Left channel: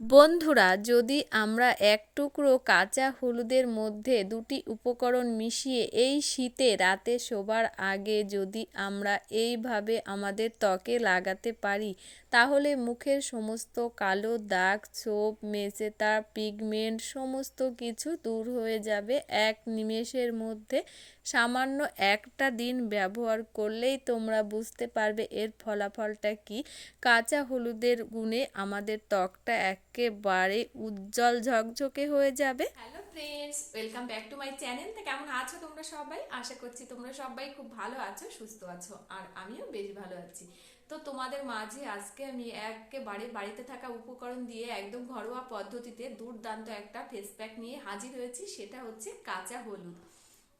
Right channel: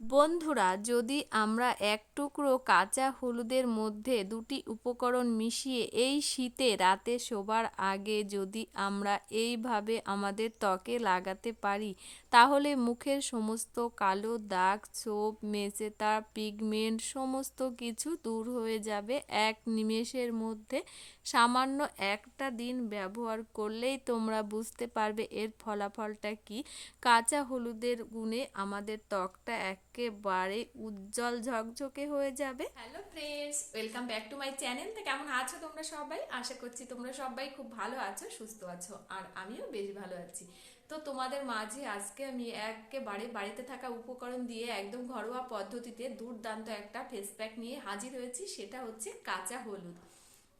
বন্ধুরা, যদি আমরা এক টুকরো কাঁচা হলুদের মধ্যে দুটি উপকরণ মিশিয়ে এই শীতে রাতে শোবার আগে যদি আমরা এইভাবে আমাদের ত্বকে লাগাতে পারি তাহলে মুখের সমস্ত কালো দাগ, ছোপ, মেচেতা, পিগমেন্ট সমস্ত কিছু দূর হয়ে যাবে এক নিমেষের মধ্যে। সামান্য একটা দিন ব্যবহার করলেই তোমরা বুঝতে পারবে এর ফলাফলটা কি। কাঁচা হলুদের গুণে আমাদের ত্বকটা একেবারে উজ্জ্বল ঝকঝকে হয়ে যাবে। Hello friends welcome back to my channel তো কেমন আছো তোমরা সবাই? আশা করছি তোমরা সবাই খুব ভালো আছো, সুস্থ আছো, আর আমিও বেশ ভালো আছি। তো তোমাদের মাঝে আজকে আমি একেবারে বাড়িতে থাকা উপকরণ দিয়ে একদম ঘরোয়া পদ্ধতিতে দুর্দান্ত একটা ফেস প্যাক নিয়ে হাজির হয়েছি, সেটা হচ্ছে কাঁচা হলুদ।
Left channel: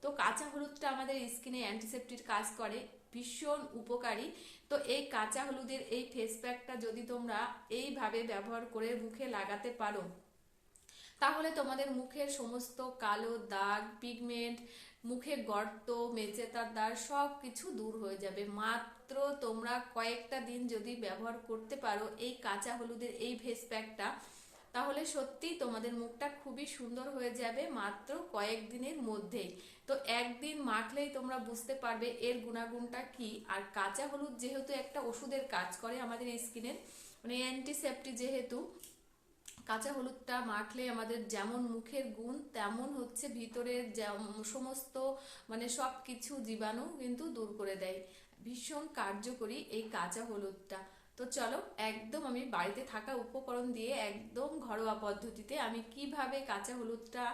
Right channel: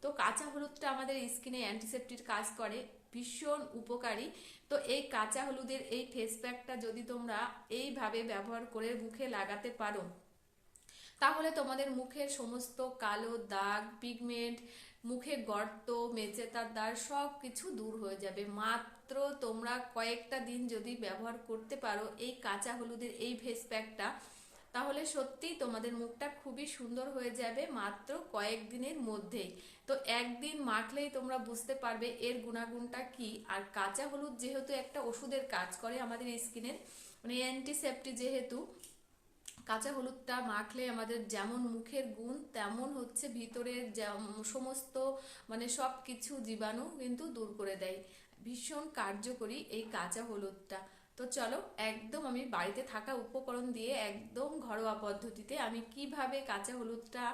তো কাঁচা হলুদটা আমাদের স্কিনে অ্যান্টিসেপ্টির কাজ করে, ভীষণ উপকারী। তো এই কাঁচা হলুদের এই ফেস প্যাকটা যদি তোমরা এইভাবে ব্যবহার করে মুখে লাগাতে পারো, তাহলে তোমাদের মুখের সমস্ত কালো দাগ পিগমেন্ট মুখে গর্ত মেচেতার দাগ সব কিছু দূর হয়ে যাবে। মাত্র তোমরা কয়েকটা দিন যদি ব্যবহার করতে পারো এই কাঁচা হলুদের এই ফেস প্যাকটা, তাহলে সত্যি তোমাদের মুখটা খুবই সুন্দর হয়ে যাবে মাত্র কয়েকদিনের মধ্যেই। তো একদিন মাখলেই তোমরা বুঝতে পারবে এর গুণাগুণটা কি। আর কাঁচা হলুদ যেহেতু একটা ওষুধের কাজ করে আমাদের স্কিনের মানে অ্যান্টিসেপ্টি যেহেতু, কাঁচা হলুদটা মাখলে আমাদের যেমন মুখের গুণ, তেমন হচ্ছে ভিতরের সমস্ত মানে সব কিছু জীবাণু কিন্তু দূর করে দেয়। ভীষণ কার্যকরী এই কাঁচা হলুদটা। তো চলো, একদম আমি বাড়িতে থাকা উপকরণ দিয়ে একদম ঘরোয়া পদ্ধতিতে আমি কীভাবে কাঁচা হলুদটা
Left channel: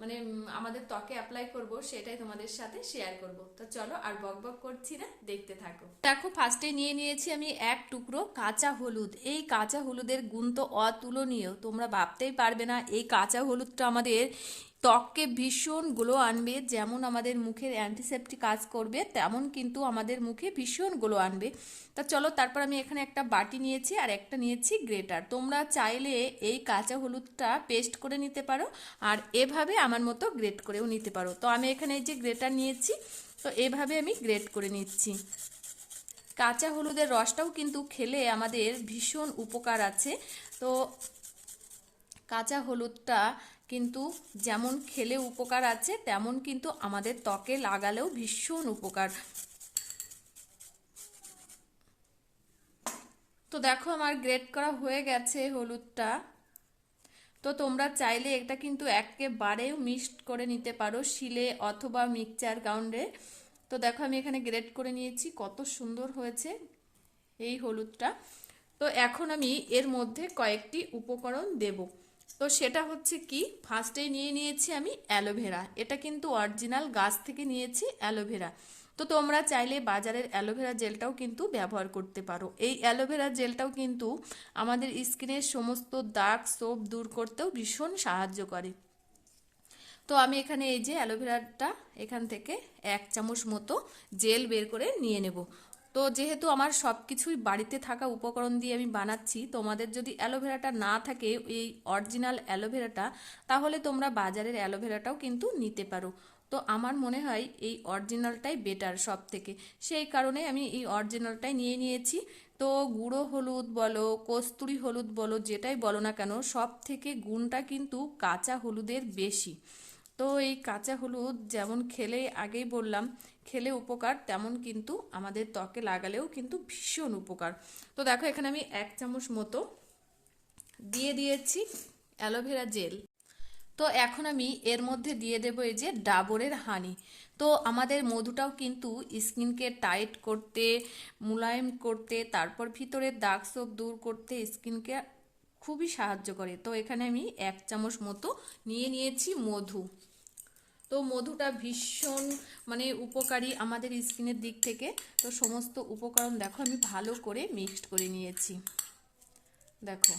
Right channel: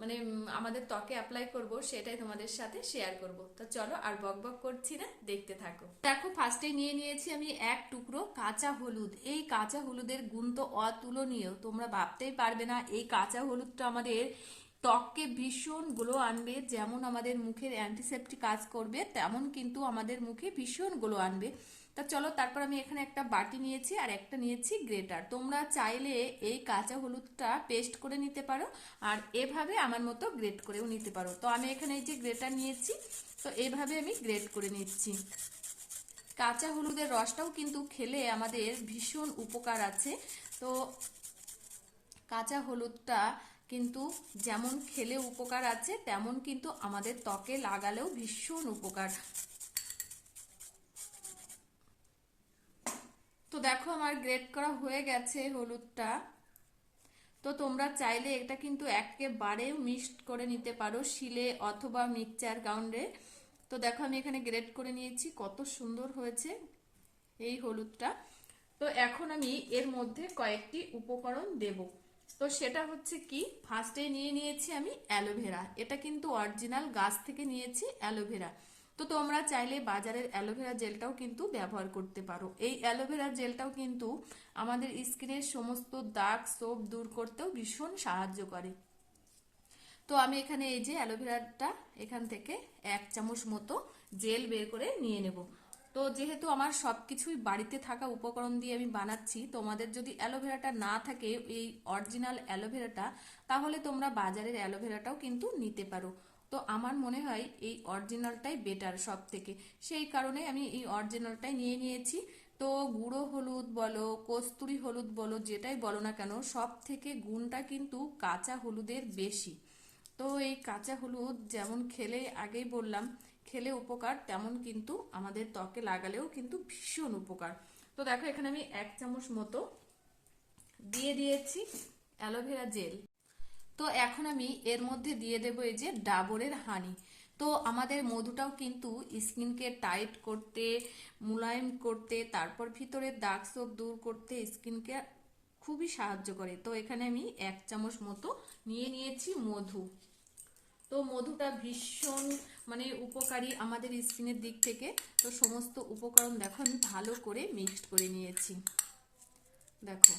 মানে আমাদের ত্বকে অ্যাপ্লাই করব সেটাই তোমাদের সাথে শেয়ার করব। তো চলো আর বক বক করছি না, দেখতে থাকো। দেখো ফার্স্টে নিয়ে নিয়েছি আমি এক টুকরো কাঁচা হলুদ। এই কাঁচা হলুদের গুণ তো অতুলনীয়, তোমরা ভাবতেই পারবে না, এই কাঁচা হলুদটা আমাদের ত্বককে ভীষণ গ্লো আনবে, যেমন আমাদের মুখের অ্যান্টিসেপ্টিক কাজ করবে, তেমন কিন্তু আমাদের মুখে ভীষণ গ্লো আনবে। তা চলো, তারপর আমি এখানে একটা বাটি নিয়েছি আর একটা নিয়েছি গ্রেটার। তোমরা চাইলে এই কাঁচা হলুদটা পেস্ট করে নিতে পারো আর এভাবে আমার মতো গ্রেট করেও নিতে পারো। তো আমি এখানে এই যে গ্রেটার নিয়েছি, তো এভাবে আমি গ্রেট করে নিচ্ছি। কাঁচা হলুদের রসটাও কিন্তু খেলে আমাদের ভীষণ উপকার আছে। তো কাঁচা হলুদটা কিন্তু যেমন খেলে উপকার আছে, তেমন কিন্তু আমাদের ত্বকে লাগালেও ভীষণ উপকার। তো দেখো আমার গ্রেট করা হয়ে গেছে হলুদটা। তো তোমরা চাইলে এটা কিন্তু একেবারেও মিক্সড করে নিতে পারো, শিলে অথবা মিক্সচার গ্রাউন্ডে তো দেখো আমি এখানে গ্রেট করে নিয়েছি, কত সুন্দর হয়েছে এই হলুদটা। তো এখন আমি এর মধ্যে কয়েকটি উপকরণ দেবো। তো সেটা হচ্ছে কি? ফার্স্টে নিয়ে নিয়েছি আমি অ্যালোভেরা এটা কিন্তু অরিজিনাল গাছ থেকে নিয়েছি অ্যালোভেরা তো তোমরা চাইলে বাজারের অ্যালোভেরা জেলটাও কিন্তু ব্যবহার করতে পারো। এই অ্যালোভেরা জেলটাও কিন্তু আমাদের স্কিনের সমস্ত দাগ সোপ দূর করতেও ভীষণ সাহায্য করে। তো আমি এখানে এই যে অ্যালোভেরাটা এখান থেকে এক চামচ মতো জেল বের করে নিয়ে নেব। তো যেহেতু আমার সব কিছুই বাড়িতে থাকা উপকরণ দিয়ে আমি বানাচ্ছি, তোমাদের যদি অ্যালোভেরাটা না থাকে, এই অরিজিনাল অ্যালোভেরাটা, তাহলে তোমরা বাজারের অ্যালোভেরাটাও কিন্তু নিতে পারো। তো আমার মনে হয় এই অরিজিনালটাই বেটার সব থেকে সেই কারণে আমি এই অরিজিনালটাই নিয়ে নিয়েছি। তো গুঁড়ো হলুদ বলো, কস্তুরি হলুদ বলো, যেটাই বলো না কেন সব থেকে গুণটা কিন্তু কাঁচা হলুদের বেশি। তো এই কাঁচা হলুদ যেমন খেলে আগেই বললাম খেলে উপকার, তেমন কিন্তু আমাদের ত্বকে লাগালেও কিন্তু ভীষণ উপকার। তো দেখো, এখানে আমি এক চামচ মতো দিয়ে দিয়েছি অ্যালোভেরা জেল তো এখন আমি এর মধ্যে দিয়ে দেবো এই যে ডাবরের হানি। তো আমাদের মধুটাও কিন্তু স্কিনকে টাইট করতে, মুলায়ম করতে, তারপর ভিতরের দাগ সব দূর করতে স্কিনকে খুবই সাহায্য করে। তো এখানে আমি এক চামচ মতো নিয়ে নিয়েছি মধু। তো মধুটা ভীষণ মানে উপকারী আমাদের স্কিনের দিক থেকে। তো সমস্ত উপকরণ দেখো, আমি ভালো করে মিক্সড করে নিয়েছি। দেখো।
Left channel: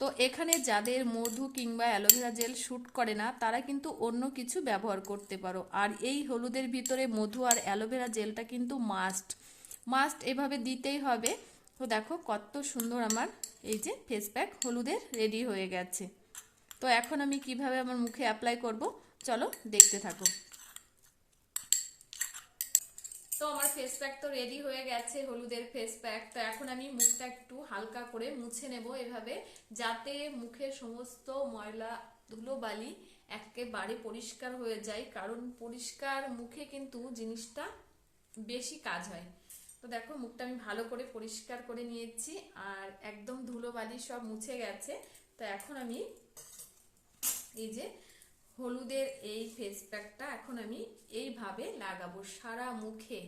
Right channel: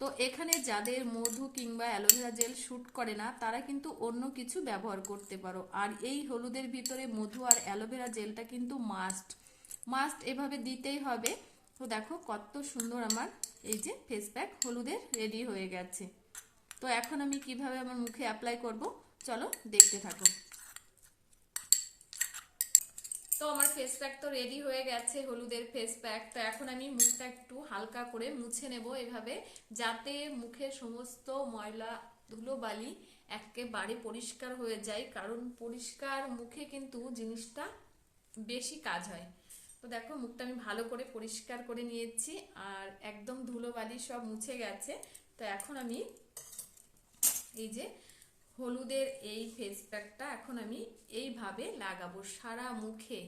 তো এখানে যাদের মধু কিংবা অ্যালোভেরা জেল শ্যুট করে না, তারা কিন্তু অন্য কিছু ব্যবহার করতে পারো। আর এই হলুদের ভিতরে মধু আর অ্যালোভেরা জেলটা কিন্তু মাস্ট মাস্ট এভাবে দিতেই হবে। তো দেখো, কত সুন্দর আমার এই যে ফেস প্যাক হলুদের রেডি হয়ে গেছে। তো এখন আমি কীভাবে আমার মুখে অ্যাপ্লাই করব? চলো দেখতে থাকো। তো আমার ফেস প্যাক তো রেডি হয়ে গেছে, হলুদের ফেস প্যাক তো এখন আমি মুখটা একটু হালকা করে মুছে নেব এভাবে, যাতে মুখের সমস্ত ময়লা ধুলোবালি একেবারে পরিষ্কার হয়ে যায়, কারণ পরিষ্কার মুখে কিন্তু জিনিসটা বেশি কাজ হয়। তো দেখো, মুখটা আমি ভালো করে পরিষ্কার করে নিয়েছি, আর একদম ধুলোবালি সব মুছে গেছে। তো এখন আমি এই যে হলুদের এই ফেস প্যাকটা এখন আমি এইভাবে লাগাবো সারা মুখে।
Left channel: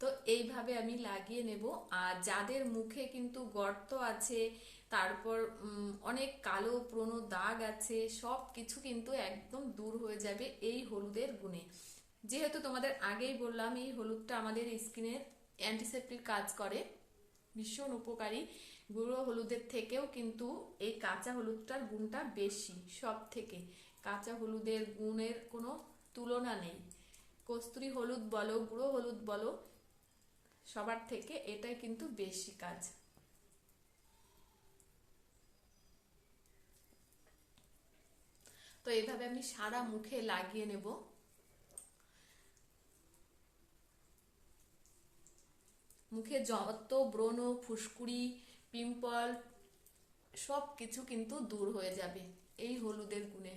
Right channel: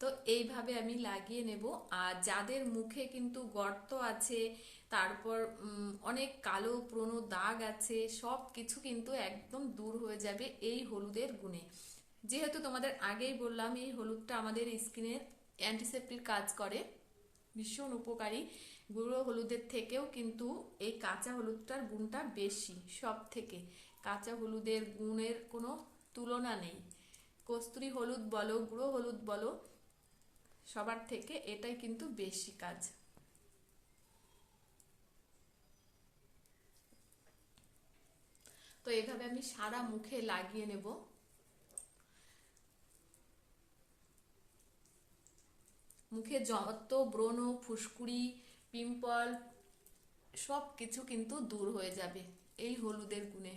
তো এইভাবে আমি লাগিয়ে নেব। আর যাদের মুখে কিন্তু গর্ত আছে, তারপর অনেক কালো পুরনো দাগ আছে সব কিছু কিন্তু একদম দূর হয়ে যাবে এই হলুদের গুণে। যেহেতু তোমাদের আগেই বললাম, এই হলুদটা আমাদের স্কিনের অ্যান্টিসেপ্টিক কাজ করে, ভীষণ উপকারী। গুঁড়ো হলুদের থেকেও কিন্তু এই কাঁচা হলুদটার গুণটা বেশি সব থেকে কাঁচা হলুদের গুণের কোনো তুলনা নেই। কস্তুরি হলুদ বলো, গুঁড়ো হলুদ বলো, সবার থেকে এটাই কিন্তু বেশি কাজ। তো এইভাবে আমি সারা মুখে লাগিয়ে নেব। মুখে যত ব্রণ, ফুসকুড়ি, পিম্পল সব কিছু কিন্তু দূর হয়ে যাবে এই হলুদের গুণে।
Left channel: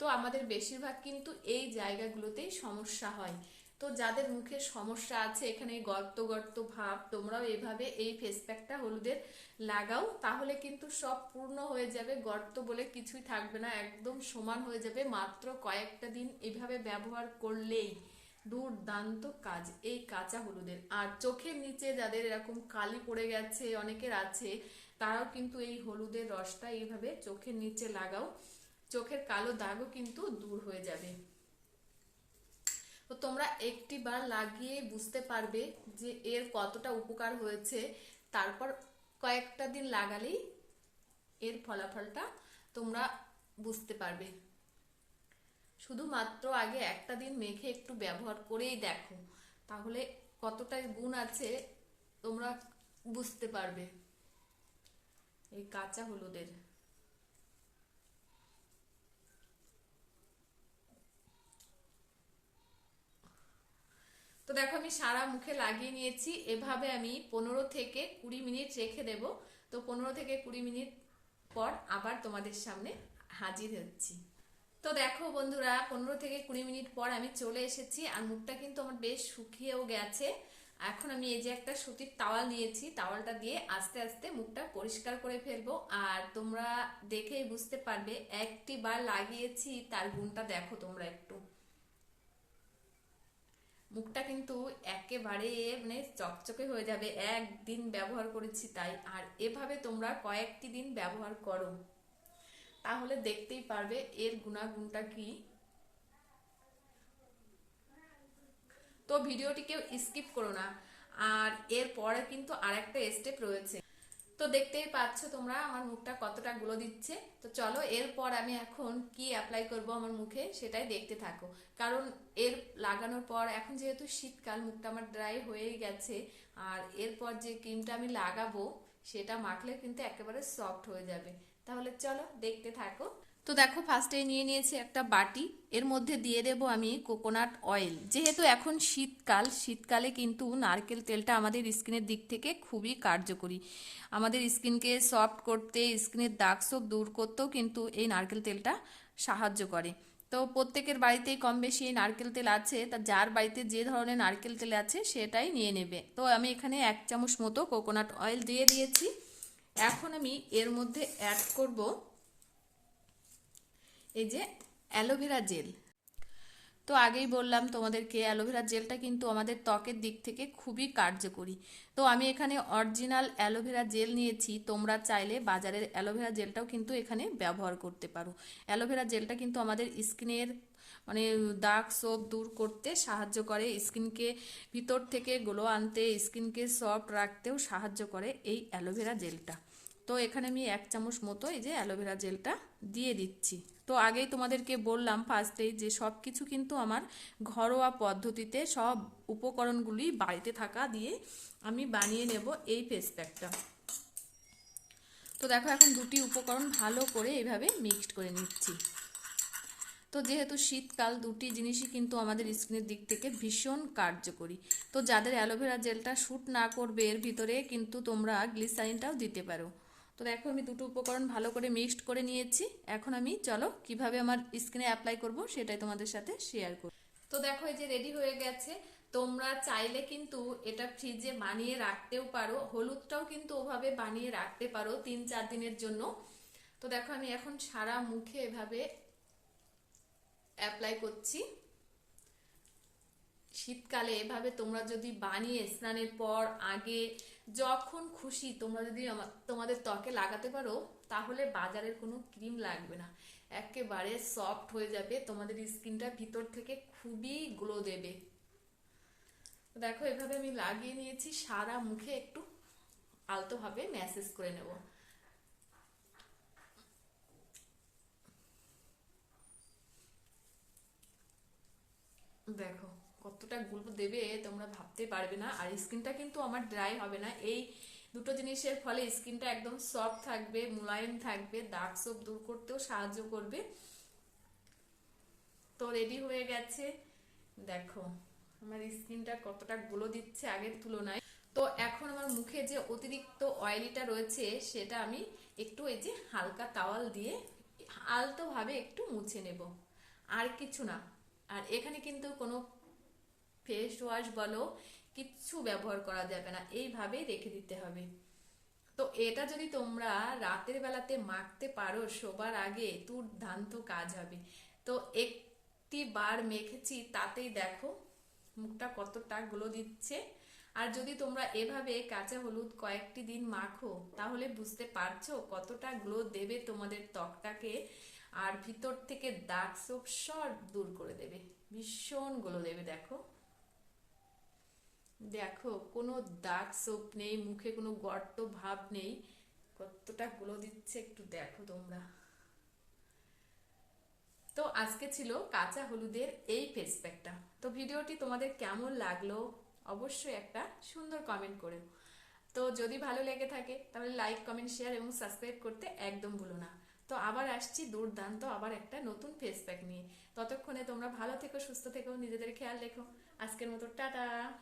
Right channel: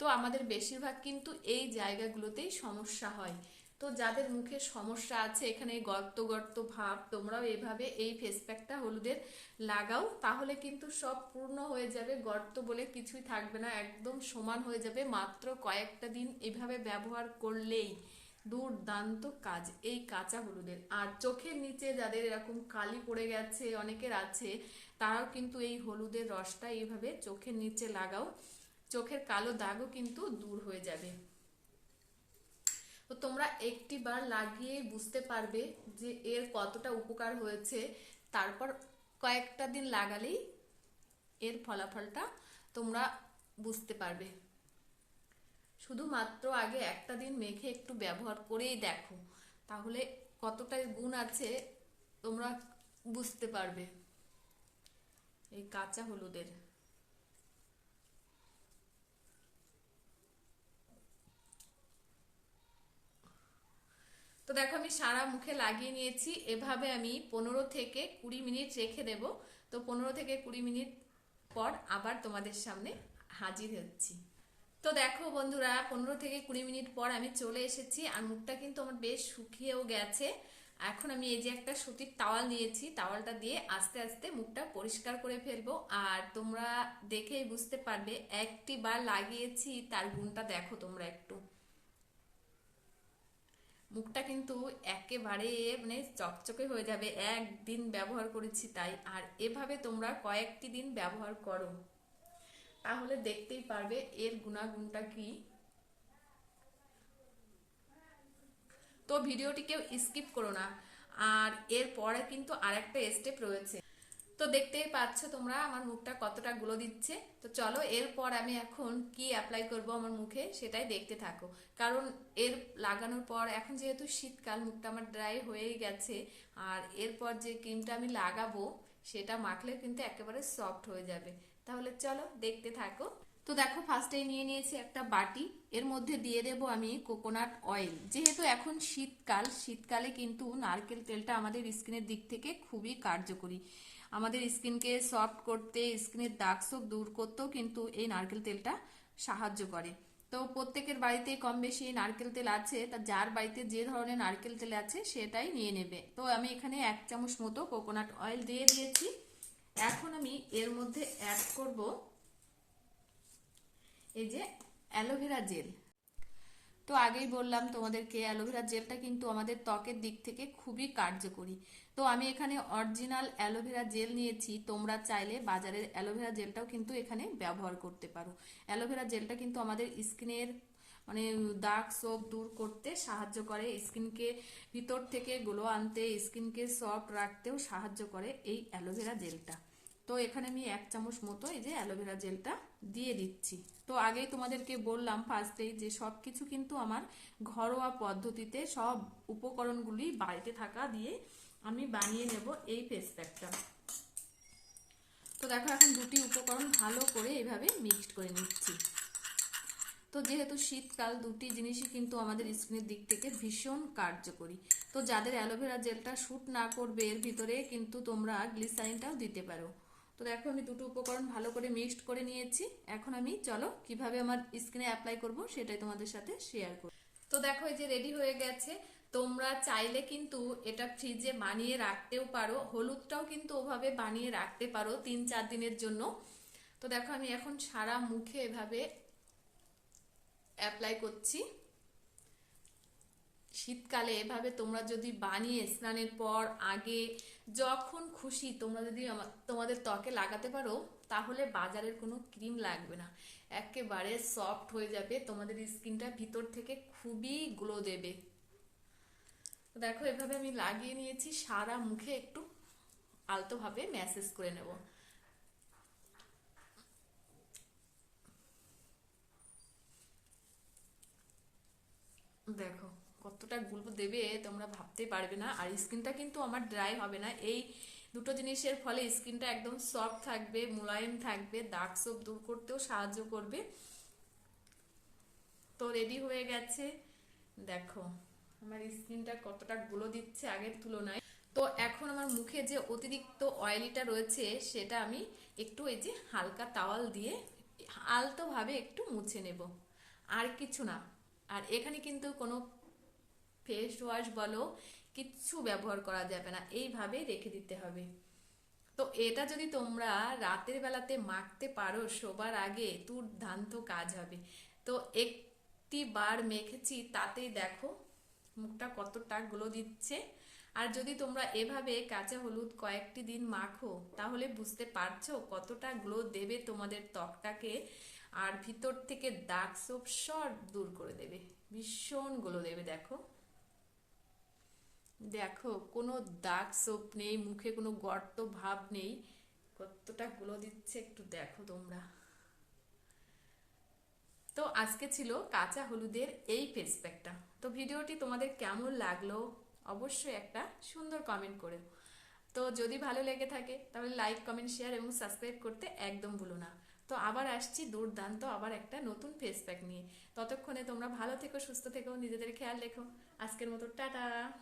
তো আমাদের বেশিরভাগ কিন্তু এই জায়গাগুলোতেই সমস্যা হয়। তো যাদের মুখে সমস্যা আছে, এখানে গর্ত গর্ত ভাব, তোমরাও এভাবে এই ফেস প্যাকটা হলুদের লাগাও, তাহলে কিন্তু সব পূর্ণ হয়ে যাবে। গর্ত বলে কিছুই থাকবে না, একদম সমান হয়ে যাবে। মাত্র কয়েকটা দিন এভাবে ব্যবহার করলেই দুর্দান্ত কাজ এই কাঁচা হলুদের। আর চোখের নিচে যাদের এরকম কালি পড়ে গেছে, অনেকের আছে, তারাও কিন্তু এই হলুদের রসটা এইভাবে চোখের নিচে লাগাও। চোখের কালো দাগও কিন্তু দূর হয়ে যাবে। তো তোমরা একটি বার লাগিয়ে বুঝতে পারবে যে এর কতটা উপকার হয়েছে। তারপর কয়েকটা দিন লাগালেই এর ফলাফলটা তোমরা বুঝতে পারবে। শুধুমাত্র আগে একটা দিন মেখে একটু ব্যবহার করেই দেখো, তাহলে কতটা গুণ আছে তোমরা বুঝতে পারবে। এই কাঁচা হলুদের। তো দেখো আমি সারা মুখে লাগিয়ে নিয়েছি। এভাবে আমি পনেরো থেকে কুড়ি মিনিট রেখে দেব। তো পনেরো থেকে কুড়ি মিনিট পর আবার তোমাদের সামনে হাজির হচ্ছি। তো দেখো বন্ধুরা, পনেরো থেকে কুড়ি মিনিট পর আমি চলে এসেছি আর মুখটা কিন্তু আমার বেশ শুকিয়েও গেছে। এখন আমি এই যে একটা সুতির তাওয়াল নিয়েছি, তাওয়ালটা দিয়ে আস্তে আস্তে মুখটা পরিষ্কার করে ফেলব। আর তোমরা দেখেই বুঝতে পারবে একটি বার লাগিয়েছি, তার গুণটা দেখো তোমরা একটু। মুখটা কিন্তু একেবারে মানে চকচকে হয়ে যাবে। একদিন ব্যবহার করেছি তাই। আর এভাবে তোমরা কয়েকটি দিন ব্যবহার করো। তাহলে দেখতেই পারবে এর গুণাগুণটা কি। তো ভিডিওটি কেউ স্কিপ করো না। আর এর পরে কিন্তু আরেকটা স্টেপ রয়েছে। তো দেখতেই পাচ্ছ তোমরা, আমার মুখটা কতটা গুলো দিচ্ছে। তো চলো, এরপর আমি এখন কি অ্যাপ্লাই করব আমার মুখে সেটাই দেখতে থাকো। কারণ এর লাগানোর পর, এখন যেহেতু শীতকাল, মুখটা আমার ড্রাই হয়েই গেছে, আর এরপর যে ক্রিমটা আমি লাগাবো, সেটা মাখলে কিন্তু একেবারে সফট হয়ে যাবে। তাহলে চলো, দেখতে থাকো। তো দেখো ফার্স্টে নিয়ে নিয়েছি একটা বাটি। এর মধ্যে দিয়ে দেব আমি কোকোনাট অয়েল যেহেতু এখন শীতকাল, শীতকালে কিন্তু নারকেল তেলটা আমাদের স্কিনের দিক থেকে খুবই কার্যকরী। আমাদের স্কিনকে সফট করতে, স্কিনের দাগ সব দূর করতেও কিন্তু এই নারকেল তেলটা সাহায্য করে। তো প্রত্যেকের বাড়িতেই কম বেশি নারকেল তেল আছে। তা যার বাড়িতে যে ধরনের নারকেল তেল আছে, সেটাই নিয়ে নেবে। তো আমি এখানে এক চামচ মতো কোকোনাট অয়েল দিয়ে দিয়েছি। এখন আমি এর মধ্যে অ্যাড করব এই যে অ্যালোভেরা জেল। তো আগেই বললাম তোমাদেরকে, অ্যালোভেরা জেলটা কিন্তু আমাদের ত্বকের দিক থেকে খুবই কার্যকরী। তো আমি এখানে অরিজিনাল অ্যালোভেরা জেল নিয়েছি, তোমরা চাইলে বাজারের অ্যালোভেরা জেলটাও কিন্তু এখানে ব্যবহার করতে পারো। অ্যালোভেরা জেলটা কিন্তু আমাদের স্কিনের মানে দাগ সোপ দূর করতে সাহায্য করে, স্কিনকে ভিতর থেকে গ্লো আনতে, স্কিনকে সফট রাখতেও সাহায্য করে এই অ্যালোভেরা জেলটা। তো এখানে আমি এক চামচ মতো এই যে অ্যালোভেরা জেলটা দিয়ে দিচ্ছি। তো আগেই তোমাদেরকে বললাম ফার্স্টেই যে সব কিছু কিন্তু আমার ঘরোয়া পদ্ধতিতে সব উপকরণগুলি বাড়িতে থাকা দিয়ে আমি বানিয়ে নেব এই ফেস প্যাকটা তো দেখো এখন দুটি উপকরণ ভালো করে এইভাবে মিক্সড করে নিচ্ছি। তো তো যেহেতু শীতকাল, দুটি জিনিসই কিন্তু আমাদের স্কিনের দিক থেকে ভীষণ কার্যকরী। তো যাদের অ্যালোভেরা জেলটা শ্যুট না করবে, এর ভিতরে কিন্তু তোমরা গ্লিসারিনটাও দিতে পারো। তো দেখো আমি দুটো উপকরণ ভালো করে মিক্সড করে নিয়েছি। এখন আমি চলো কীভাবে আমার স্কিনে অ্যাপ্লাই করব সেটাই তোমাদের সাথে শেয়ার করব। তো দেখো এই যে রেডি হয়ে গেছে। তোমরা চাইলে কিন্তু এটা ফ্রিজে বানিয়ে রাখতেও পারো। হলুদটাও কিন্তু ওভাবে বানিয়ে রাখতে পারো তিন চার দিনের জন্য। তো দেখো আমি এখন সারা মুখে এভাবে অ্যাপ্লাই করছি। শীতকালে এভাবে তোমরা যদি বানিয়ে স্নানের পর, আগে যখন খুশি তোমরা যদি তোমাদের ত্বকে লাগাতে পারো, তাহলে বাজারের কোনো ক্রিম লাগবে না। একেবারে সফট হয়ে যাবে। তোমাদের স্কিনটা ভিতর থেকে খুবই গ্লো দেবে। দেখো, এভাবে আমি লাগিয়ে নিয়েছি। সারা মুখে একটু আলতোভাবে ম্যাসেজ করে নেব। দেখো কতটা গুলো দেবে তোমরা ভাবতে পারবে না। আর স্কিনটা কিন্তু আমার ড্রাই হবে না। এই দুটো জিনিসের ফলে স্কিনটা একদম সফট থাকবে, মোলায়েম থাকবে দাগ সব দূর করতেও সাহায্য করবে। তো রেডি হয়ে গেছে। দেখো, আমার স্কিনটা কতটা গুলো দিচ্ছে আগের তুলনায়। তো এখন আমার মুখে যে অতিরিক্ত অয়েলিটা রয়েছে, সেটা আমি একটু এই যে হালকা তাওয়াল দিয়ে আলতোভাবে একটু মুছে নেব। আর কিছু না। আর এখানে কিন্তু কোনো ফেস ওয়াশ বলো, কিচ্ছু ব্যবহার করা যাবে না, এইভাবেই রেখে দিতে হবে। তো এটা যদি তোমরা রাতের বেলাতে মাখতে পারো, শোবার আগে দুর্দান্ত কাজ হবে। তো একটি বার মেখেছি, তাতেই দেখো মুখটা কতটা গ্লো দিচ্ছে। আর যদি তোমরা এভাবে কাঁচা হলুদ কয়েকটি দিন মাখো, তাহলে বুঝতে পারছ কতটা গ্লো দেবে তোমাদের ত্বকটাকে, আর ভিতর থেকে দাগ সোপ সব দূর করে দেবে। ভীষণ গ্লো দেবে, দেখো। দেখো, কোনো দাগ সোপ নেই, মুখে কোনো গর্ত ভাব নেই। কতটা গুলো দিচ্ছে একটু দেখো তোমরা। তো আজকে ছিল কাঁচা হলুদের এই ফেস প্যাকটা তো ভিডিওটি তোমাদের কেমন লাগল অবশ্যই একটা সুন্দর কমেন্ট করে তো যদি ভালো লেগে থাকে, তাহলে লাইক কমেন্ট শেয়ার এবং সাবস্ক্রাইব করতে একদম ভুলো না। তো আবার আসছি দুর্দান্ত আবার একটা নতুন ফেস প্যাক নিয়ে। ততক্ষণে তোমরা ভালো থেকো, সুস্থ থেকো, নিজেদের খেয়াল রেখো। আজকের মতো টাটা।